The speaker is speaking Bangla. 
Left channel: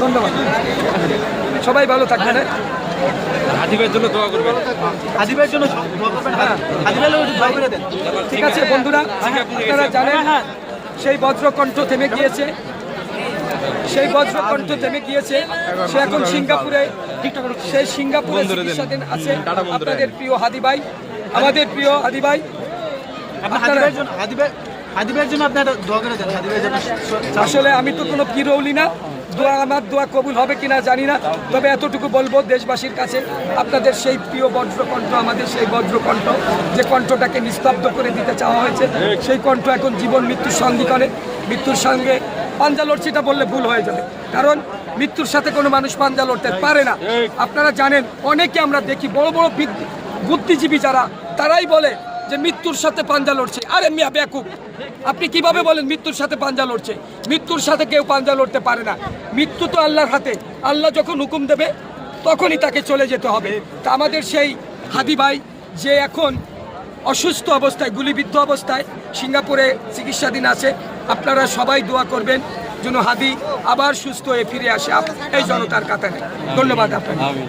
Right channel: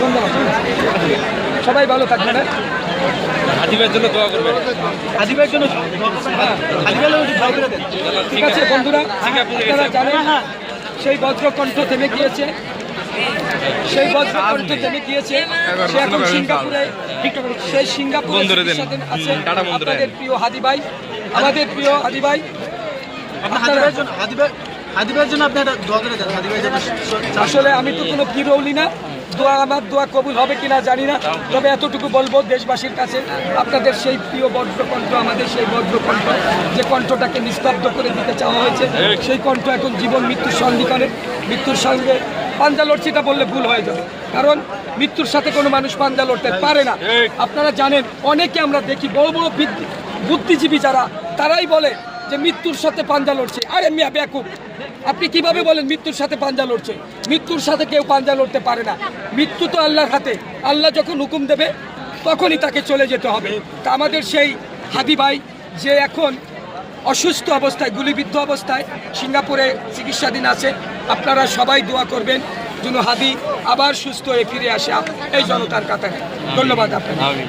ধন্যবাদ। সবাই ভালো থাকবেন। আদিবের জন্য দোয়া করবেন। আদিবের জন্য ঠিক আছে বন্ধুরা, আপনারা জানেন সেই বজ্রকণ্ঠ থেমে গিয়েছে, সেই বজ্রকণ্ঠ থেমে গিয়েছে। সে এখন সিঙ্গাপুরে, সেই সিঙ্গাপুরে আছে আমাদের প্রিয় হাদি ভাই, আমাদের প্রিয় হাদি ভাই। আসলে আমি তো কোনো পীর বলি না, দোয়া আমার দোয়া কবুল হবে কিনা জানি না, তবে এতটুকু বলবো দেশবাসীর কাছে, আপনাদের সেই প্রিয় বজ্রকণ্ঠ, আমাদের সেই বজ্রকণ্ঠ, যে কণ্ঠটাকে নিস্তব্ধ করে দিতে চাওয়া হয়েছে, সেই কণ্ঠ এখন জীবন মৃত্যুর সন্ধিক্ষণে মৃত্যুর সঙ্গে পাঞ্জা লড়ছে, এটা বললে ভুল হয়ে যাবে, কারণ মৃত্যুর সাথে কোনো মানুষ পাঞ্জা লড়তে পারে না। আপনারা জানেন, অনেকে আমরা দেখি বড় বড় বুদ্ধিজীবী যারা, তারাই বলে যে মৃত্যুর সাথে পাঞ্জা লড়ছে। আরে মিয়া বেকুব, আপনি কিভাবে বলেন মৃত্যুর সাথে পাঞ্জা লড়ছে? মৃত্যুর সাথে কেউ পাঞ্জা লড়তে পারে না। মৃত্যু তো আল্লাহর হাতে, আল্লাহ যখন হুকুম দেবে তখনই তাকে চলে যেতে হবে। তা আমাদের সেই হাদি ভাই, যে এখন অসুস্থ অবস্থায়, গুলিবিদ্ধ অবস্থায় সিঙ্গাপুরে চিকিৎসাধীন আছে, আপনারা সবাই দোয়া করবেন যেন হাদি আবার সুস্থ হয়ে ফিরে আসে এই জনতার কাতারে। ধন্যবাদ আপনাকে।